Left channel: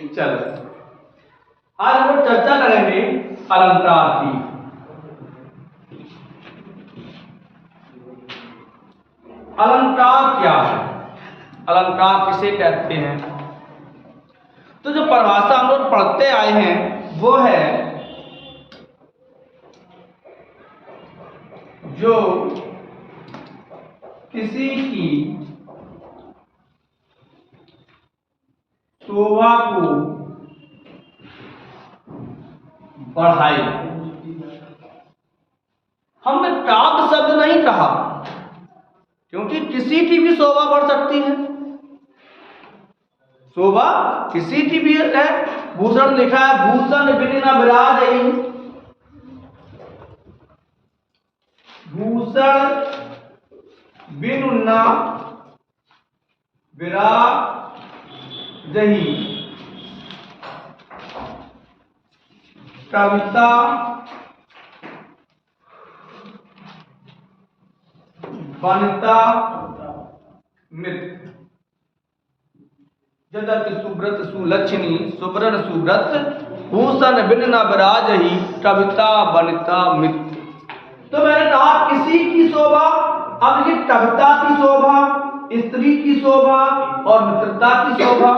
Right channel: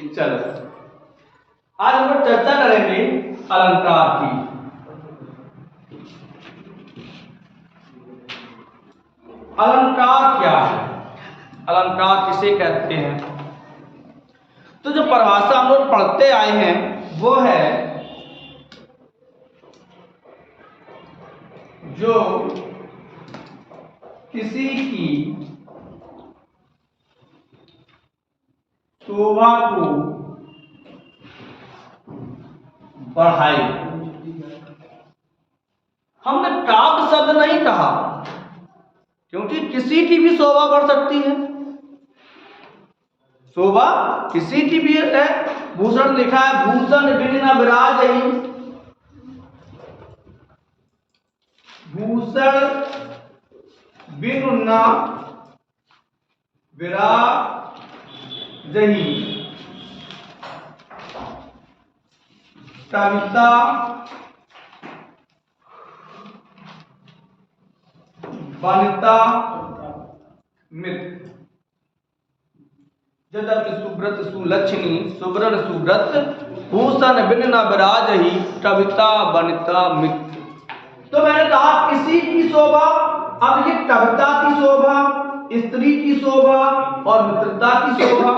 चलो आज हम लोग चर्चा करेंगे अलंकार की। अलंकार क्या है, अलंकार किसे कहते हैं? तो जो परिभाषा हम लोग पढ़ते आए हैं वो है जो किसी की शोभा को बढ़ाए। हमने काव्य शब्द नहीं कहा क्योंकि किसी की भी शोभा बढ़ सकती है। शोभा किसी की भी है। भूषण लिखा है, भूषण बिन न विराजहि, भूषण बिन न विराजहि, कविता वनिता मित्र। यद्यपि सुब्रत सुलक्षणी सुब्रन सुब्रत, भूषण बिन न विराजहि, कविता वनिता मित्र। तो मैंने कहा किसी की शोभा, अब ये कविता की शोभा, स्त्री की शोभा और मित्रता की शोभा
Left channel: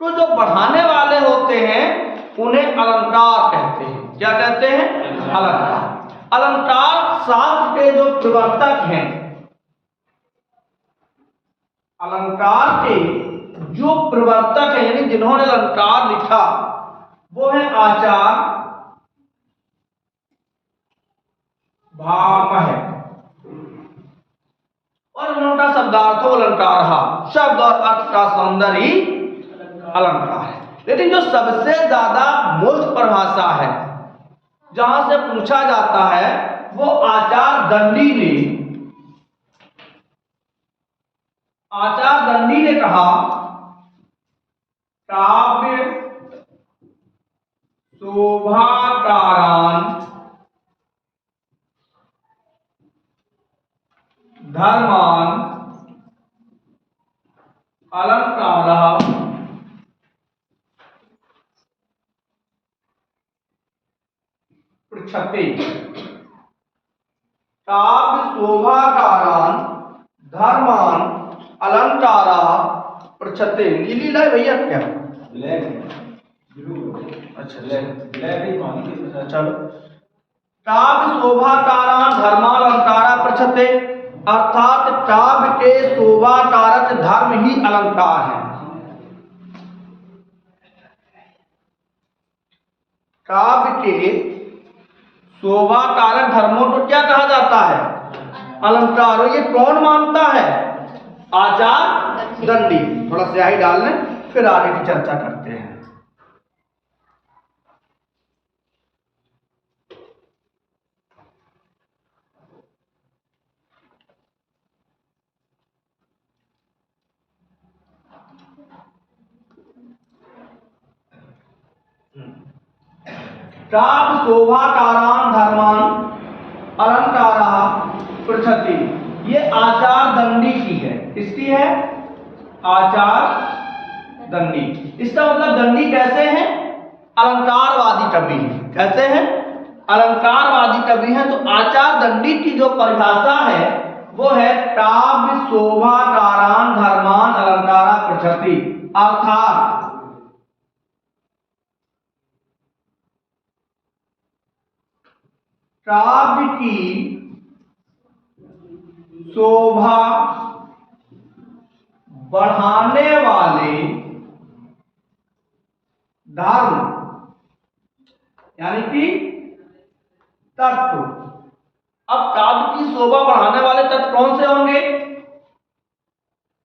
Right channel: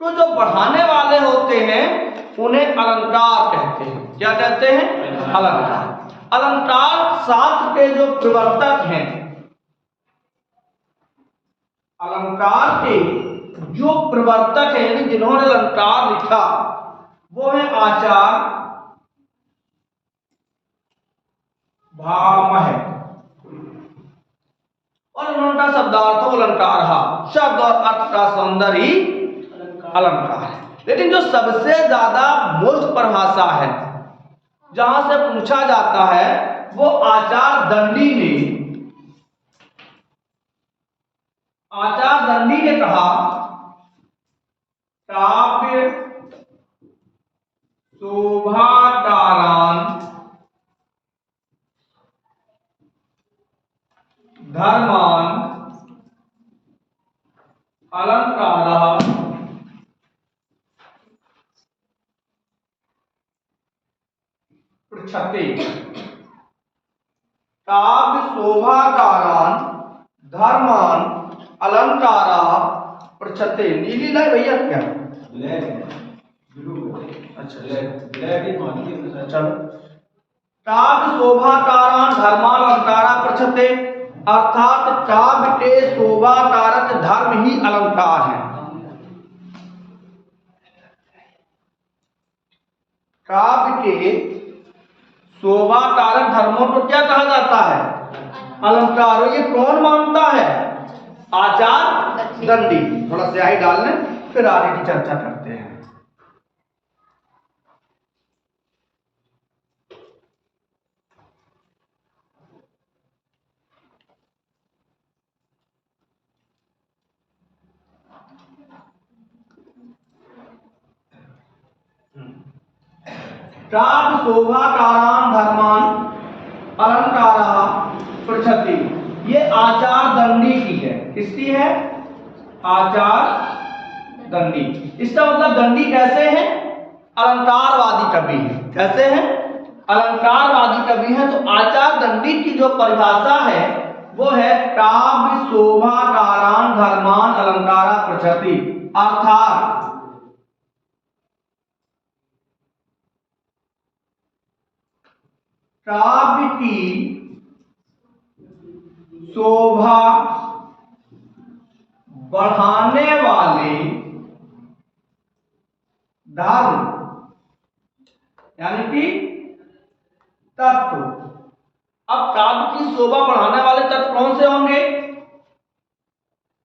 को जो बढ़ाने वाले होते हैं उन्हें अलंकार कहते हैं। क्या कहते हैं? अलंकार। अलंकार शास्त्र के जो प्रवर्तक हैं, अलंकार के जो प्रवर्तक हैं यानी जिन्होंने अलंकार लिखा वो है आचार्य भामह, और उनका शब्दार्थ अलंकार शब्द और अर्थ का सौंदर्य ही अलंकार है। लेकिन जो सबसे ज्यादा मूल परिभाषा है जहां से पूछा जाता है वो आचार्य दंडी ने, आचार्य दंडी ने कहा काव्य शोभाकारान धर्मान अलंकारः पृच्छते। काव्य शोभाकारान धर्मान अलंकारः पृच्छते। नीली लाए भैया क्या? Black blue. अच्छा ब्लैक ही पानी के साथ। चलो काव्य शोभाकारान धर्मान अलंकारः पृच्छते, अर्थात काव्य के शोभाकारक धर्म ही अलंकार है। काव्य के शोभाकारक धर्मों को क्या कहा जाता है? अलंकार। और ये कौन मानता है? आचार्य दंडी। थोड़ा स्याही डाल लें फिर आगे की चर्चा करते हैं। काव्य शोभाकारान धर्मान अलंकारः पृच्छति, ये आचार्य दंडी की है। किसकी है? आचार्य दंडी। इसका मतलब दंडी कैसे हैं? अलंकारवादी कवि हैं। कैसे हैं? अलंकारवादी कवि हैं। तो आचार्य दंडी की जो परिभाषा है वो है काव्य शोभाकारान धर्मान अलंकारः पृच्छति, अर्थात काव्य की शोभा बढ़ाने वाले धर्म यानी कि तत्व। अब काव्य की शोभा बढ़ाने वाले तत्व कौन से होंगे?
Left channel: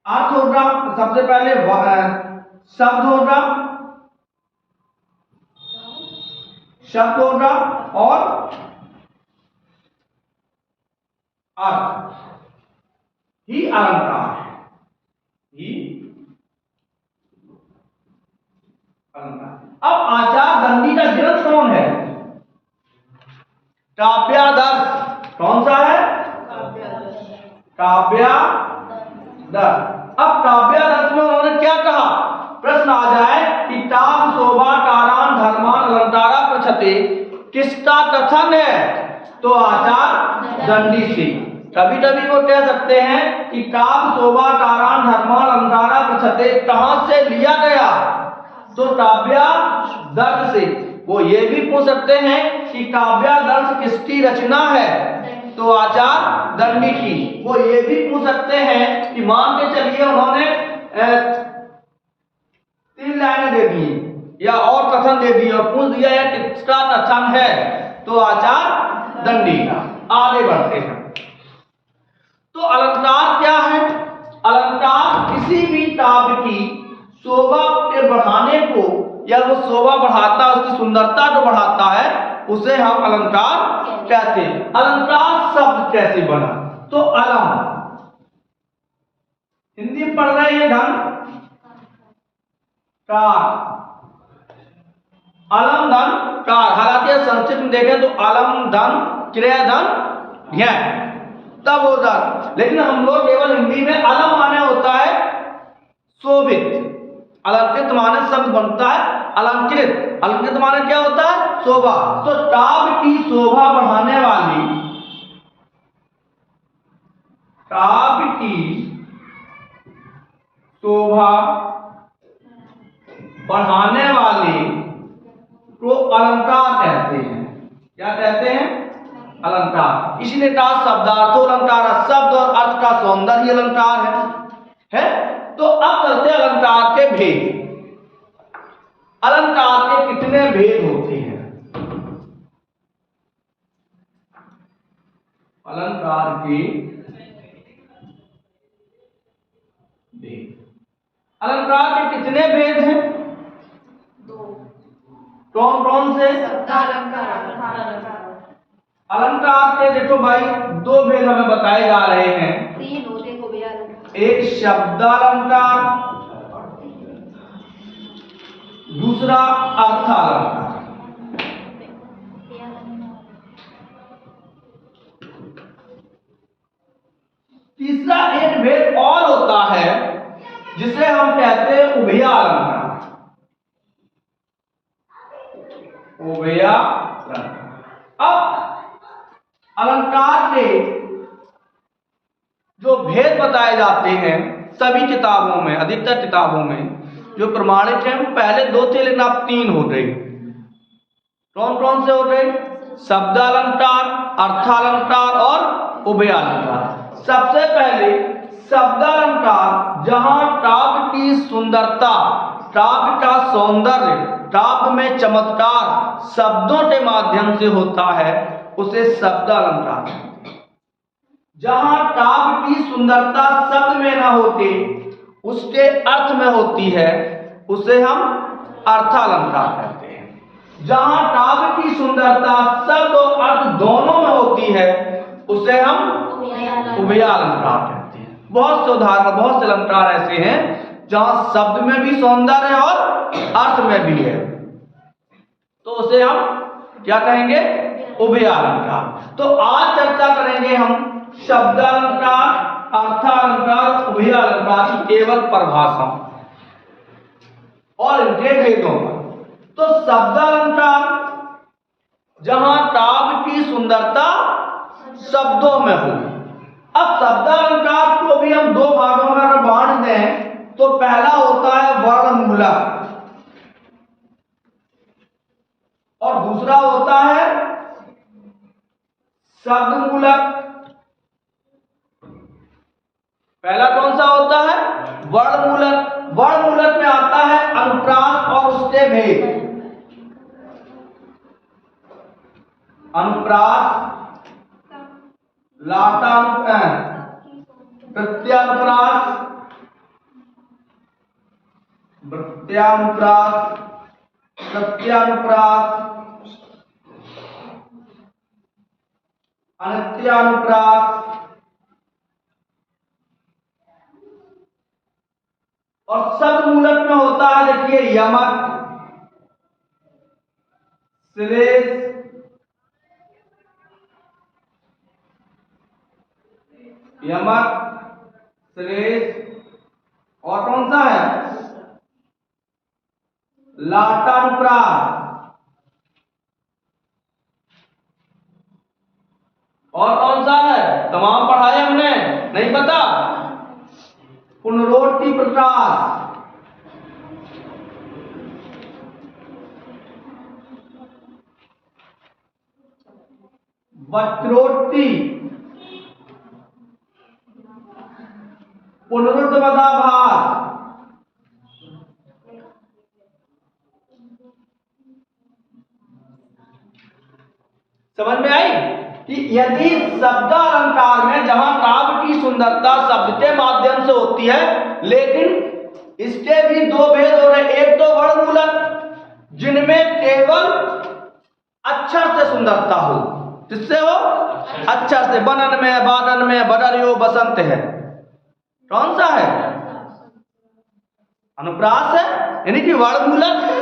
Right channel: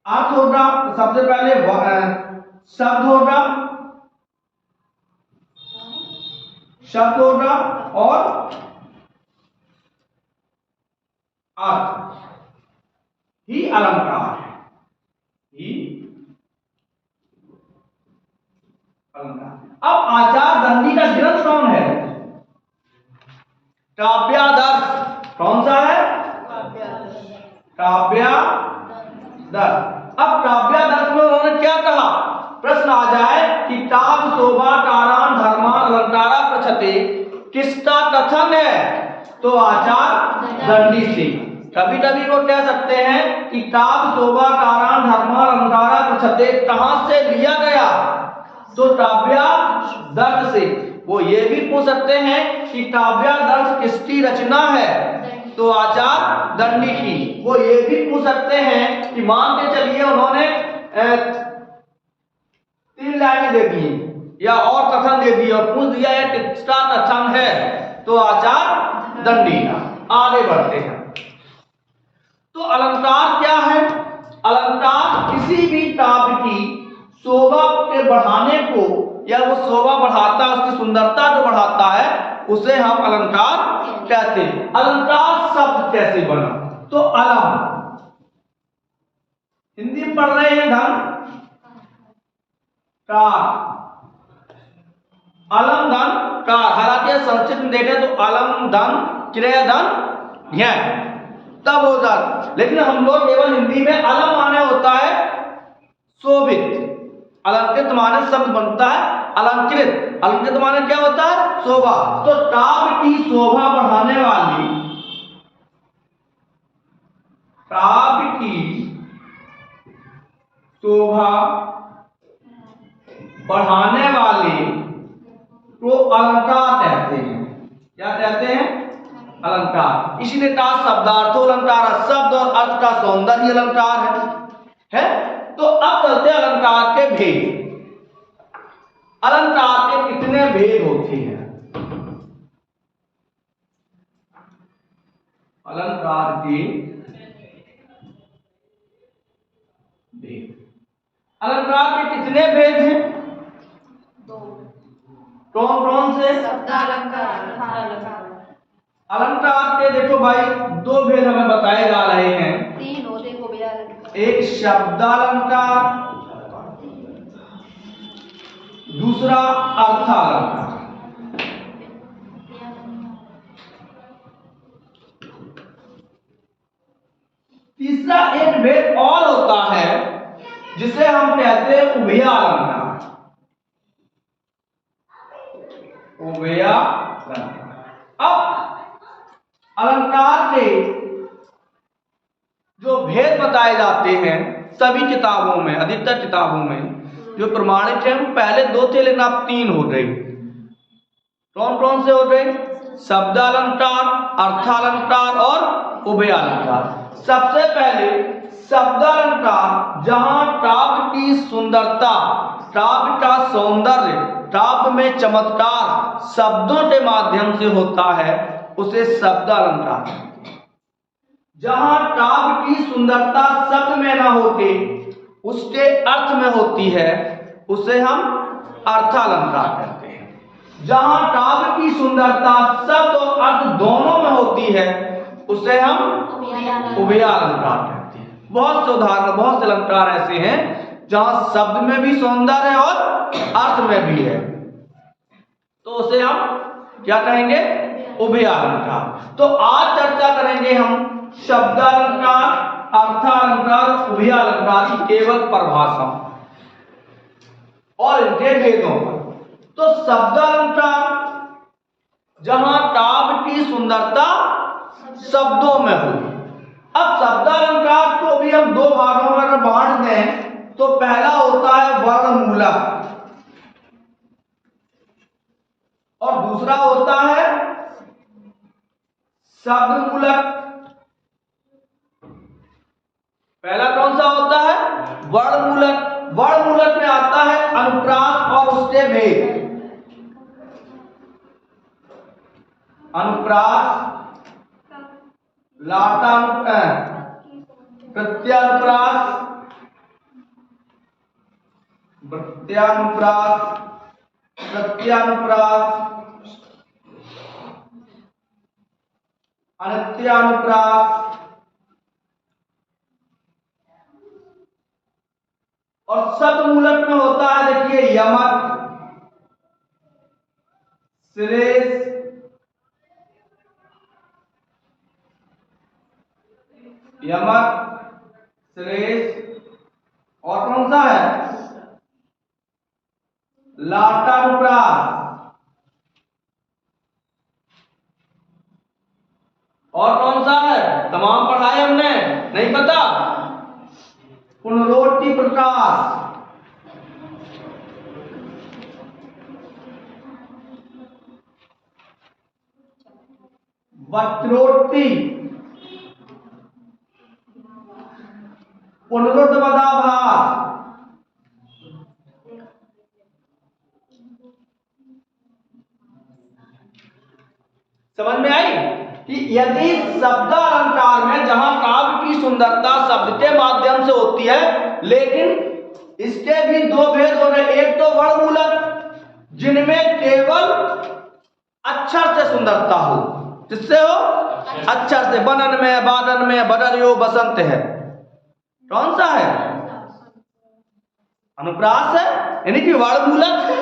अर्थ होगा, सबसे पहले शब्द होगा, शब्द होगा और अर्थ ही अलंकार है। ही अलंकार। अब आचार्य दंडी का ग्रंथ कौन है? काव्यादर्श। कौन सा है? काव्यादर्श। अब काव्यादर्श में उन्होंने क्या कहा? प्रश्न आ जाए कि प्रचते किसका कथन है? तो आचार दंडी से। कभी कभी को कह सकते हैं कि काव्य शोभा कारान धर्मान अलंकारा प्रचते कहां से लिया गया? तो काव्यादर्श से। वो ये भी पूछ सकते हैं कि काव्यादर्श किसकी रचना है? तो आचार दंडी की। वो ये भी पूछ सकते हैं कि मान के चलिए उन्होंने 3 लाइनें दे दी या और कथन दे दिया और पूछ दिया यह किसका कथन है? तो आचार दंडी का। आगे बढ़ते हैं। तो अलंकार क्या है? अलंकार किसी भी काव्य की शोभा के बढ़ाने को या वो शोभा बढ़ाता है, उसकी सुंदरता को बढ़ाता है, उसे हम अलंकार कहते हैं। अलंकार शब्द कैसे बना? तो अलम, हिंदी में पढ़ रहे हैं धन कार, अलम धन कार। हालांकि संस्कृत में देखें तो अलम धन क्रिय धन है तब हो जाता, लेकिन हम लोग केवल हिंदी में अलम माने होता है शोभित। अलंकृत माने शब्द बनता है अलंकृत। अलंकृत माने क्या होता है? शोभा। तो काव्य की शोभा बढ़ाने वाली, काव्य की शोभा बढ़ाने वाले को अलंकार कहते हैं। क्या कहते हैं? अलंकार। इसलिए का शब्दार्थो अलंकार, शब्द और अर्थ का सौंदर्य अलंकार है? तो अब चलते हैं अलंकार के भेद। अलंकार के कितने भेद होते हैं? अलंकार के भेद। अलंकार के कितने भेद हैं? कौन कौन से? अलंकार के देखो भाई 2 भेद हमें बताए जा रहे हैं। एक शब्दालंकार, दूसरा अर्थालंकार। तीसरा एक भेद और होता है जिसे हम कहते हैं उभयालंकार। उभयालंकार। अब अलंकार के जो भेद बताए जाते हैं सभी किताबों में, अधिकतर किताबों में जो प्रमाणित है, पहले 2 थे लेकिन अब 3 हो गए। कौन कौन से हो गए? शब्दालंकार, अर्थालंकार और उभयालंकार। सबसे पहले शब्दालंकार, जहां काव्य की सुंदरता, काव्य का सौंदर्य, काव्य में चमत्कार शब्दों के माध्यम से होता है, उसे शब्दालंकार कहते हैं। जहां काव्य की सुंदरता शब्द में ना होते, उसके अर्थ में होती है, उसे हम अर्थालंकार कहते हैं। जहां काव्य की सुंदरता शब्द और अर्थ दोनों में होती है, उसे हम उभयालंकार कहते हैं। बहुत से उदाहरण, बहुत से अलंकार ऐसे हैं जहां शब्द में भी सौंदर्य है और अर्थ में भी है, तो उसे हम क्या कहेंगे? उभयालंकार। तो आज चर्चा करेंगे हम शब्दालंकार, अर्थालंकार, उभयालंकार की केवल परिभाषा और इनके भेदों पर। तो शब्दालंकार, जहां काव्य की सुंदरता शब्दों में हो। अब शब्दालंकार को भी हम 2 भागों में अगर बांट दें तो पहला होता है वर्णमूलक और दूसरा होता है शब्दमूलक। पहला कौन सा होता है? वर्णमूलक। वर्णमूलक में आता है अनुप्रास और उसके भेद। अनुप्रास, लाता, प्रत्यानुप्रास, प्रत्यानुप्रास, प्रत्यानुप्रास, अनित्यानुप्रास और शब्दमूलक में होता है, देखिए, यमक, श्लेष, यमक, श्लेष और कौन सा है? लाटानुप्रास। और कौन सा है? तमाम पढ़ाए हमने, नहीं पता? पुनरोक्ति प्रकाश, वक्रोक्ति, पुनरुत्पादाभास, समझ में आई? कि यदि शब्द अलंकार में जहां काव्य की सुंदरता शब्द के माध्यम से होती है, लेकिन इसके भी दो भेद हो रहे। एक तो वर्णमूलक, जिनमें केवल अक्षर से सुंदरता हो। किससे हो? अक्षर से। बनन में, बादन में, बदरियो बसंत है। कौन सा है? अनुप्रास है, यानी कि वर्णमूलक है।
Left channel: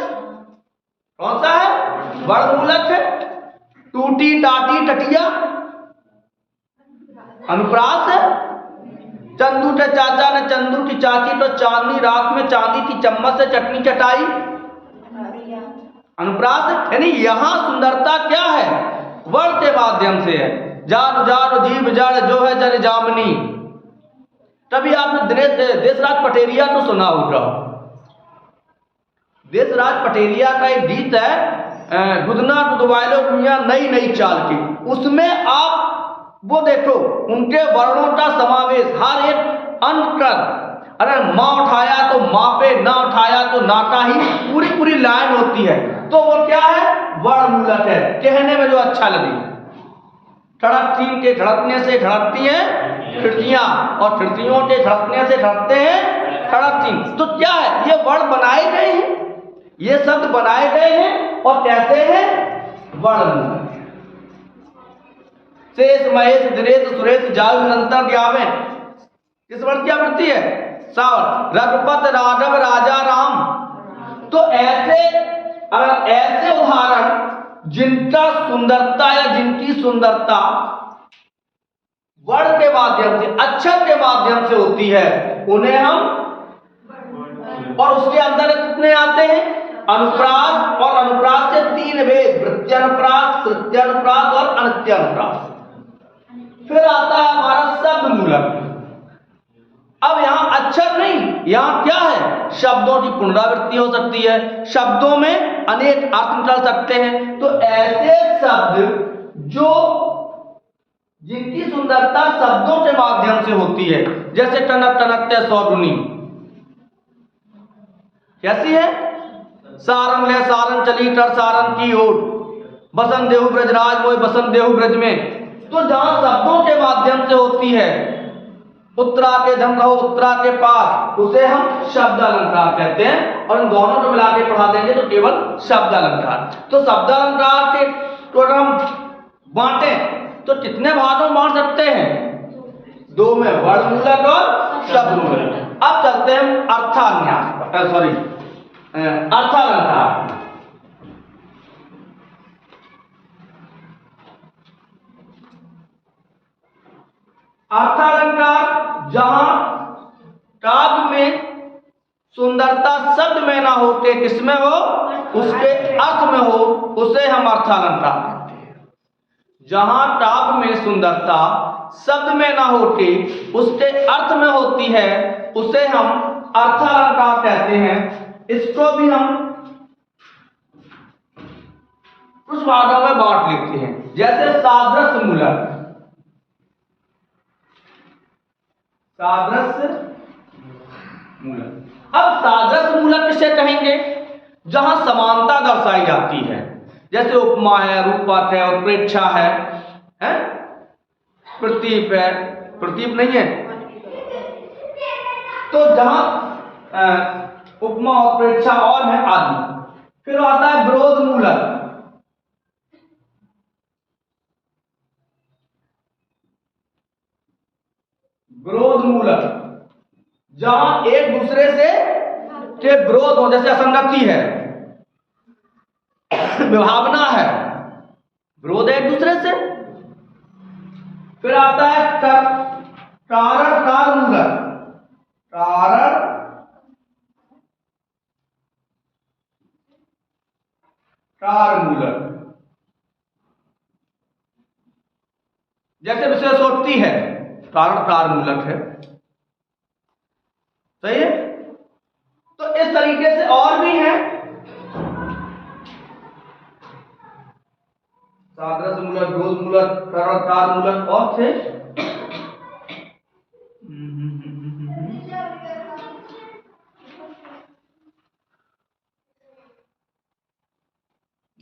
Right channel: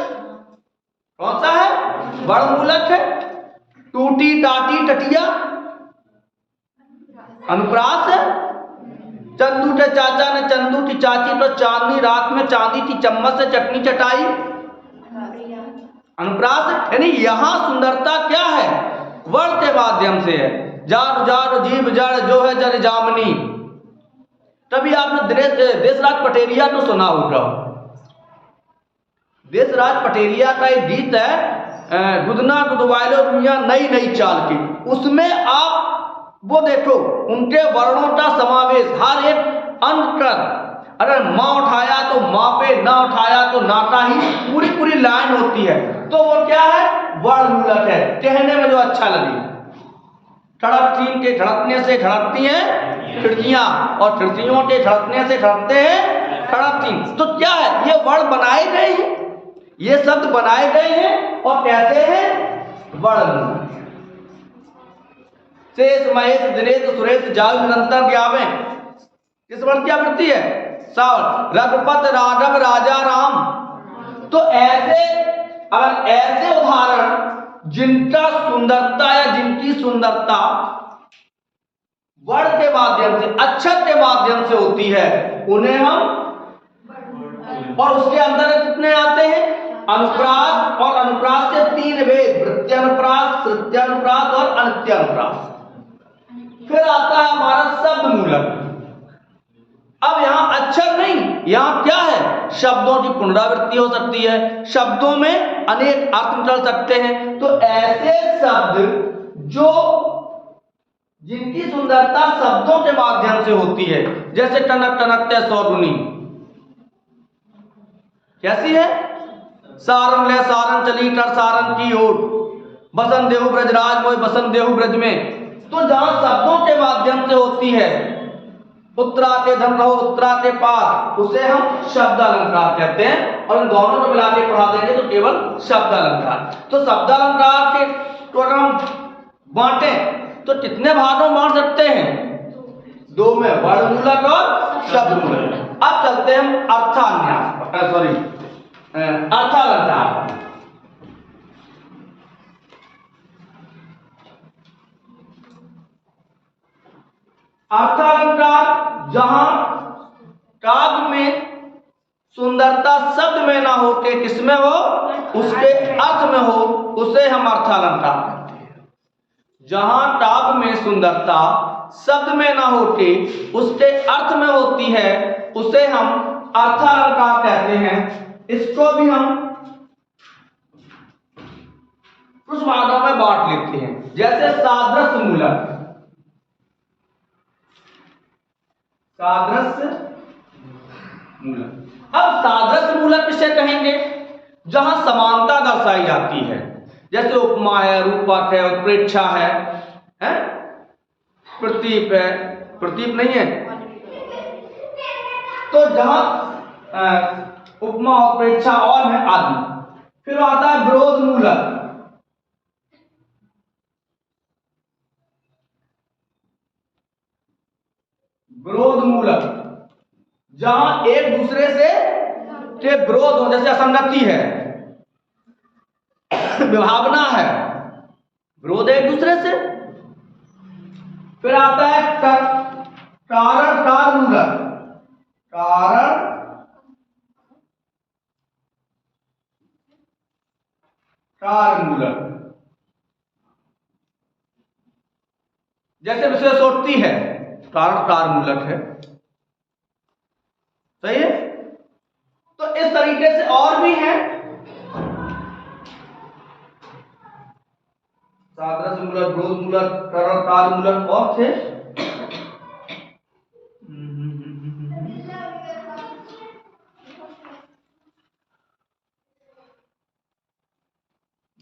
कौन सा है? वर्णमूलक है। टूटी टाटी टटिया अनुप्रास है। चंदू के चाचा ने चंदू की चाची तो चांदनी रात में चांदी की चम्मच से चटनी चटाई, अनुप्रास है। यानी यहां सुंदरता क्या है? वर्ण के माध्यम से है। जान जान जीव जड़ जो है जर जामनी। तभी आपने देशराज पटेरिया तो सुना होगा। देशराज पटेरिया का एक गीत है, गुदना गुदवाइलो दुनिया नई नई चाल की। उसमें आप वो देखो, उनके वर्णों का समावेश हर एक अंतर। अगर माँ उठाया तो माँ पे, ना उठाया तो ना का ही पूरी पूरी लाइन होती है। तो वो क्या है? वर्णमूलक है। कहने में जो अच्छा लगे। ठड़क तीन के ठड़कने से ठड़कती हैं खिड़कियां, और खिड़कियों के ठड़कने से ठड़कते हैं ठड़क तीन। तो क्या है? ये वर्ण बनाए गए हैं, ये शब्द बनाए गए हैं। और कैसे हैं? वर्ण। शेष महेश दिनेश सुरेश जायु निरंतर ज्ञावे। किस वर्ण की आवृत्ति है? सावन। रघुपत राघव राजा राम। तो ऐसे, अगर ऐसे उदाहरण जिनका सुंदरता या जिनकी सुंदरता वर्ण के माध्यम से, अक्षर के माध्यम से होती है, उन्हें हम, और उसके अंदर कितने आते हैं? अनुप्रास। और अनुप्रास के तीन भेद, वृत्त्यनुप्रास, तृतीयानुप्रास और अनित्यानुप्रास। फिर आता है हमारा शब्द मूलक। अब यहां अक्षर नहीं, यहां क्या है? शब्दों की पुनरावृत्ति हो सकती है, शब्दों में अनेक अर्थ निकल सकते हैं। तो ऐसे शब्द जो जिनकी सुंदरता शब्दों के माध्यम से होती है, जैसे टनक टनकते सौधुनी, कैसी है? सारन ले सारन चली कर सारन की ओर, बसंत देहु ब्रजराज मोय बसंत देहु ब्रज में। तो जहां शब्दों के माध्यम से होती है, उत्तरा के धम रहो उत्तरा के पास, उसे हम शब्द अलंकार कहते हैं। और इन दोनों को मिला के पढ़ा देंगे तो केवल शब्द अलंकार। तो शब्द अलंकार के तो अगर हम बांटे तो कितने भागों में बांट सकते हैं? दो में, वर्णमूलक और शब्द मूलक। अब चलते हैं अर्थान्यास, सॉरी, अर्थालंकार। अर्थालंकार जहां काव्य में सुंदरता शब्द में ना होते, किसमें हो? उसके अर्थ में हो, उसे हम अर्थालंकार कहते हैं। जहां काव्य में सुंदरता शब्द में ना होती, उसके अर्थ में होती है, उसे हम अर्थालंकार कहते हैं। इसको भी हम कुछ भागों में बांट लेते हैं, जैसे सादृश्य मूलक। सादृश्य मूलक। अब सादृश्य मूलक किसे कहेंगे? जहां समानता दर्शाई जाती है, जैसे उपमा है, रूपक है, उत्प्रेक्षा है, प्रतीप है, प्रतीप नहीं है। तो जहां उपमा, उत्प्रेक्षा और है आदि। फिर आता है विरोध मूलक। विरोध मूलक जहां एक दूसरे से के विरोध हो, जैसे असंगति है, विभावना है, विरोध है एक दूसरे से। फिर आता है कारण काल मूलक। कारण कार मूलक। जैसे विशेषोक्ति है, कारण कारमूलक है, सही है। तो इस तरीके से और भी है, सादृश्य मूलक, विरोध मूलक, कारण कारमूलक और थे।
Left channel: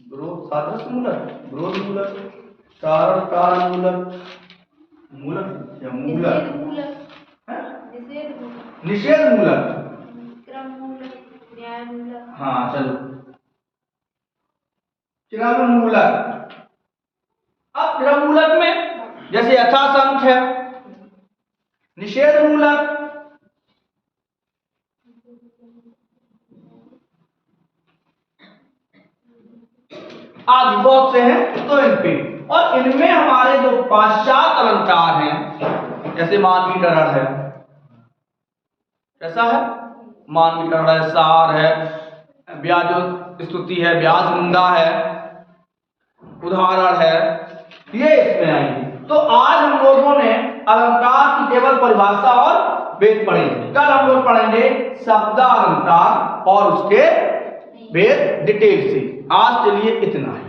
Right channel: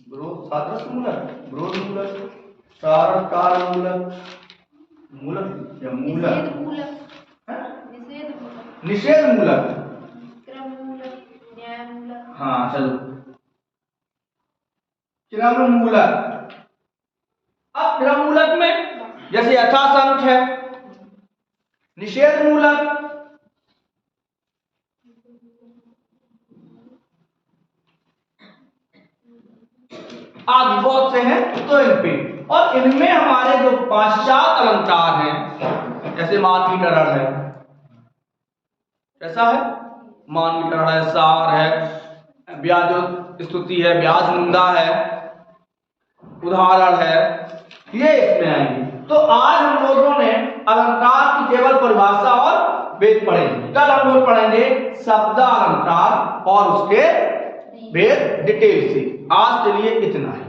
विरोध सादृश्य मूलक, विरोध मूलक, कारण कारमूलक, मूलक या मूलक, निषेध मूलक, क्रम मूलक, न्याय मूलक। हाँ चलो, क्रम मूलक। अब क्रम मूलक में जैसे यथासंख्य है, निषेध मूलक आदि बहुत से हैं। तो इन पे और इनमें हमारे जो पाश्चात अलंकार हैं, जैसे मानकीकरण है, कैसा है, मानकीकरण है, सार है, ब्याज स्तुति है, ब्याज निंदा है, उदाहरण है, ये इसमें आएंगे। तो आज हम लोगों ने अलंकार की केवल परिभाषा और भेद पढ़ेंगे। कल हम लोग पढ़ेंगे शब्दालंकार और उसके भेद डिटेल से। आज के लिए इतना है।